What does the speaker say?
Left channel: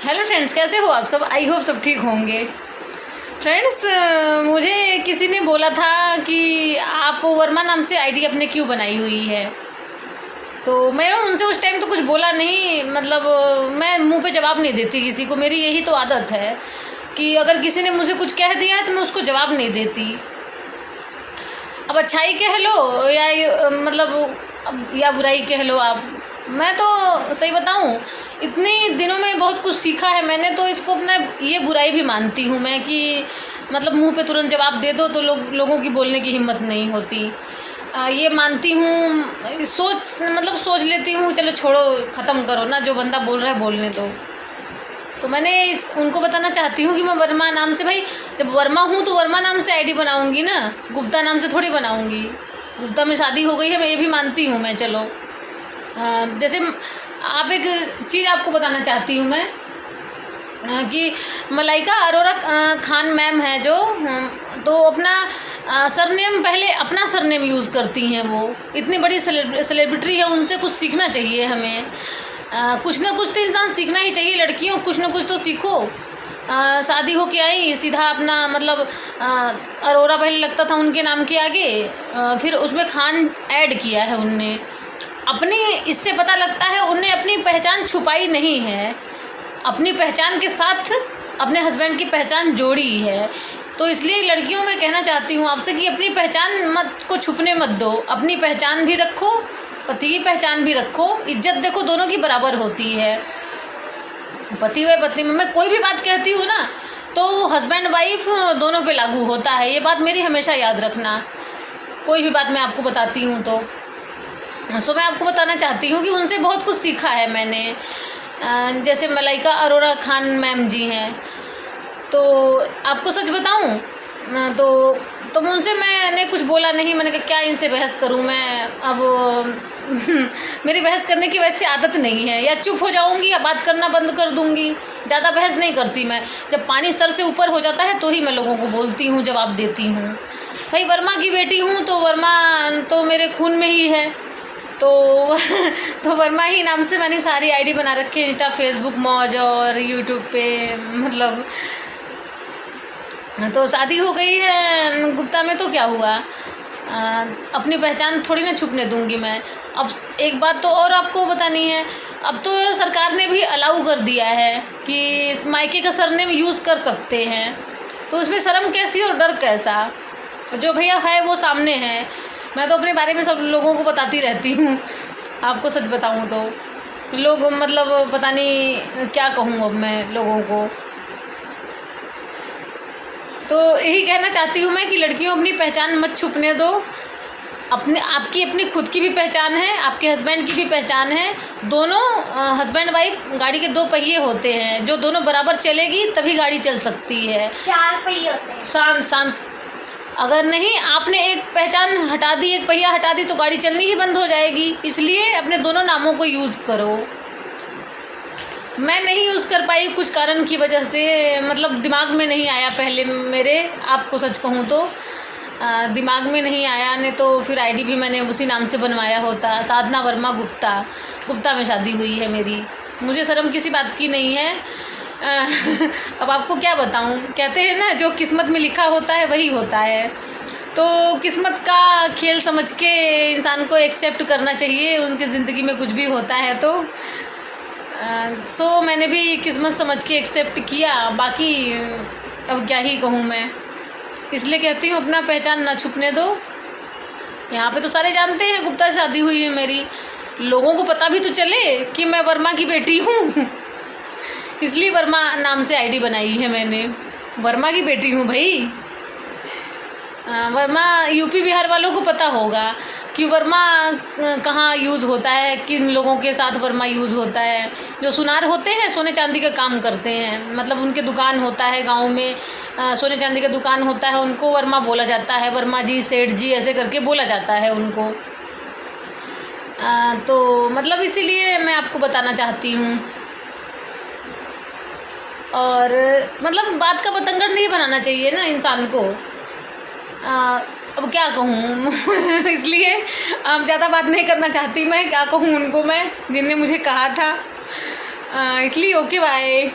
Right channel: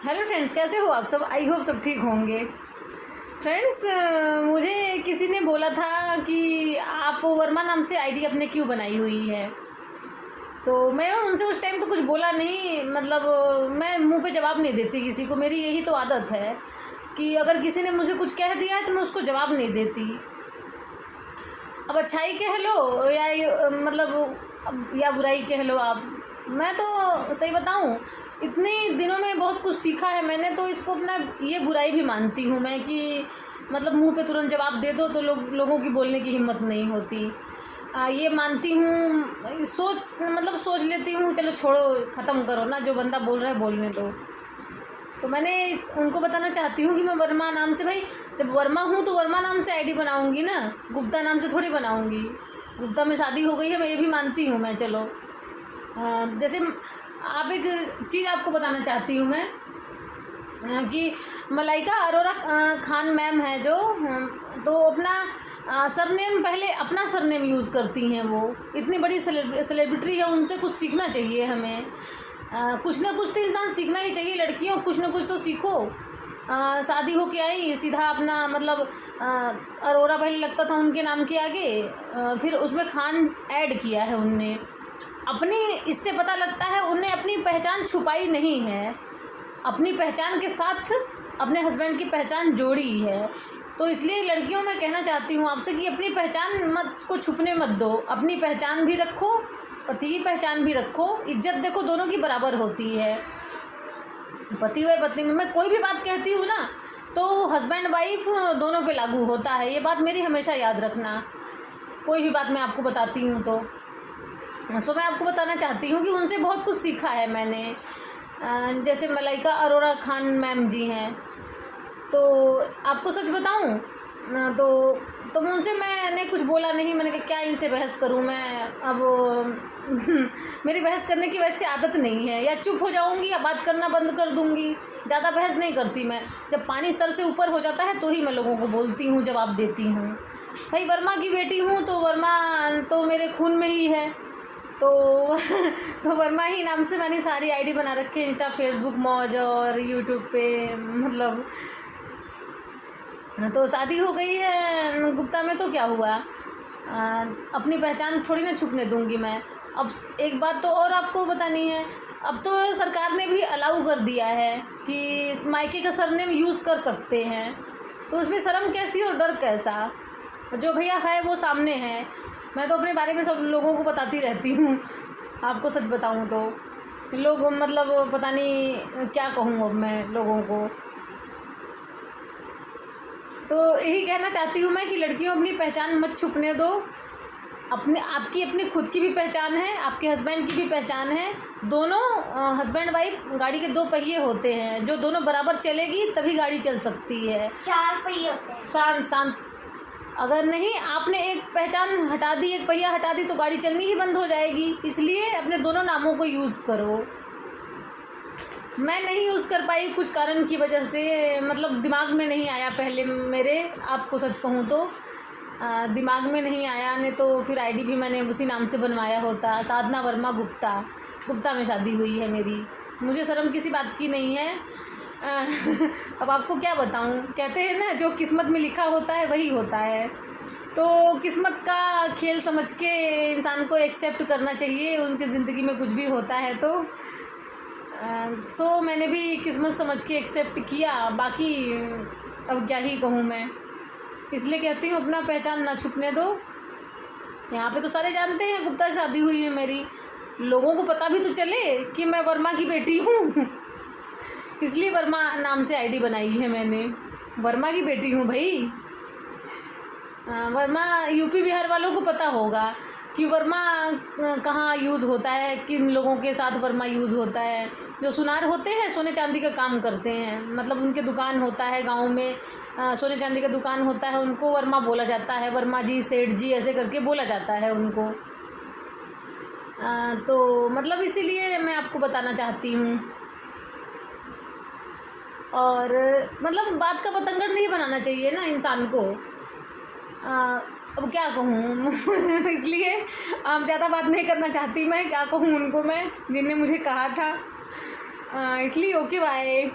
Hello friends, कैसे हो आप सब? आई होप सब ठीक होंगे। फ्रेंड्स, मुझे किसी ने बोला था कि आप वर्मा नाम से आईडी अपने क्यों बनाई हुई है। तो मैं उनसे उस टाइम तो कुछ बोला नहीं, मतलब मैं मुंह पे जवाब नहीं देती किसी को। मेरी यही तो आदत है कि अगर किसी ने मुझे कुछ कह दिया है तो मैं उसको जवाब नहीं देती। अब अच्छाई कह लो या बुराई कह लो आप। मैं तो सही बताऊं, इतने दिनों में बहुत कुछ सीखा है मैंने, तो इसको अपना ये बुराई भी मानती हूँ मैं कि मतलब मुंह पे तुरंत जवाब दे दो तो लोगों की बोलने की हिम्मत नहीं होती। ये मानती हूँ, सोच लेती हूँ, चलो छोड़ो, ख़त्म करो ना, जो बंदा बोल रहा है बोलने दो। तो मैंने उनको बताना चाहती हूँ कि मैं वर्मा नाम से, भाई जब वर्मा हूँ तो वर्मा नाम से आईडी बनाऊँगी ना, गुप्ता नाम से थोड़ी बनाऊँगी। गुप्ता में शादी हो गई है, मैं ये भी मानती हूँ मैं। चलो जैसे आप एक चीज़ आपको बताना चाहती हूँ मैं कि मलाइका अरोरा खान मैम है जो, तो अपना सरनेम, पहले अपना सरनेम यूज़ करती हैं। वो इतनी बड़ी सेलिब्रिटी है, उनसे कुछ सीखना चाहिए हमें। कुछ ना कुछ तो इंसान सीखना ही चाहिए। लड़कियों, कुछ ना कुछ तो सीखो। शादी हो के आई सीधा अपना अरोरा पहले लगता था उनके नाम के आगे, फिर उसमें खान ऐड किया है उनने अपनी। इससे पता लगता है उनने अपनी पहचान छुपाई नहीं है, अपनी पहचान के साथ अपने हस्बैंड की पहचान जोड़ी है। तो इसलिए लड़कियों में कहना चाहती हूँ आपसे कि अपनी पहचान को छुपने मत दो। अपनी पहचान भी रखो, पति की पहचान भी रखो। इज्जत देखो दोनों की बराबर होती है। पति व पत्नी में मैं कोई भी बात कहती हूँ ना, तो हस्बैंड वाइफ दोनों पे लागू होता है। ये बात मेरी हमेशा याद रखना। कोई भी बात मैं आपको बताती हूँ तो मैं आपको बताना चाहती हूँ कि उनसे बहुत कुछ सीखा है मैंने। जैसे मलाइका अरोरा खान मैम जी हैं, तो आपको सच बताऊँ तो उनसे मैंने कुछ बोला नहीं। मैंने कहा क्या इनसे बहस करूँ मैं अब। मेरी बहस करने की वैसे आदत नहीं है, या चुप हो जाऊँगी या बात करना बंद कर दूँगी। ज़्यादा बहस नहीं करती मैं। जब पानी सर से ऊपर हो जाता है तो ही मैं लोगों को बोलती हूँ, जवाब देती हूँ। भाई वर्मा की बेटी हूँ तो वर्मा तो मेरे खून में ही है। तो वर्मा ही नाम से मैंने सारी आईडी बना रखी है, इंस्टा, फेसबुक, मौज और यूट्यूब पे। मतलब तो शादी हो गई है गुप्ता में, तो क्या हुआ, अपनी पहचान थोड़ी ना छुपने दूंगी मैं। अब एक बात तो और आपको बतानी है, अब तो सरकार ने भी अलाउ कर दिया है कि मायके का सरनेम यूज़ कर सकते हैं। तो इसमें शर्म कैसी और डर कैसा? जो भैया है वो सामने है। मैं तो अपने बारे में सब लोगों को बताती रहती हूँ। आपको सच बताऊँ तो लोग पता नहीं क्या कहूँ अब मैं लोगों को। तो यही कहना चाहती हूँ मैं कि लड़कियों अपनी पहचान मत छुपने दो। आपकी अपनी खुद की भी पहचान है, आपके हस्बैंड की भी पहचान है। दोनों हस्बैंड वाइफ गाड़ी के दो पहिए होते हैं, जो दोनों बराबर चलेगी तभी गाड़ी चल सकती है। 4 पहिए होते हैं। शांत। अगर नहीं, आपने एक पहचान हटा दी, एक पहिया हटा दी, तो गाड़ी चलनी ही बंद हो जाएगी। इसलिए अपने दोनों नामों को यूज़ करो। मैं नहीं यूज़ कर पाई कुछ कारण की वजह से, दिमाग में नहीं आया पहले मेरे। आपको सच कहूँ तो दिमाग में नहीं आया, नहीं तो फिर आईडी भी मैंने उसी नाम से बनवाया होता। साधना वर्मा गुप्ता में शादी हुई है मेरी। मुझे शर्म किसी बात की नहीं है। अब आपको क्या बताऊं, कहते हैं ना जो किस्मत में लिखा होता है वही होता है। तो किस्मत का खेल समझ के इंसान को एक्सेप्ट करना चाहिए, उनकी ज़िंदगी में कुछ भी होता है तो। मैंने भी किस्मत समझ के एक्सेप्ट किया। बाकी अब क्या ही कहूँ मैं, इसलिए कहती हूँ अपना पहचान ना छुपने दो। यहाँ पे तो सारे जानते हैं गुप्ता शादी हुई है मेरी। लोगों को पता भी तो चले कि मैं वर्मा की बेटी हूँ। इसलिए वर्मा नाम से आईडी बनाई है मैंने। वर्मा की बेटी हूँ भाई। वर्मा यूपी बिहार वालों को पता होगा कि वर्मा कहाँ यूज़ होता है, किन लोगों के साथ वर्मा यूज़ होता है। जो सुनार होते हैं, सोने चांदी का काम करते हैं, उनके दुकान होता है गांव में, सोने चांदी का दुकान होता है, उनको वर्मा बोला जाता है। वर्मा जी, सेठ जी, ऐसे करके बोला जाता है उनको। तो इसीलिए मैं आपको बताना चाहती हूँ। और बात का बतंगड़ नहीं बनाना चाहिए ना इंसान को। अब क्या कहूँ। इसलिए अब ज़्यादा बात नहीं करना चाहती मैं। क्या कहूँ उनको मैं, जिनने मुझे कहा था। इसलिए ओके बाय।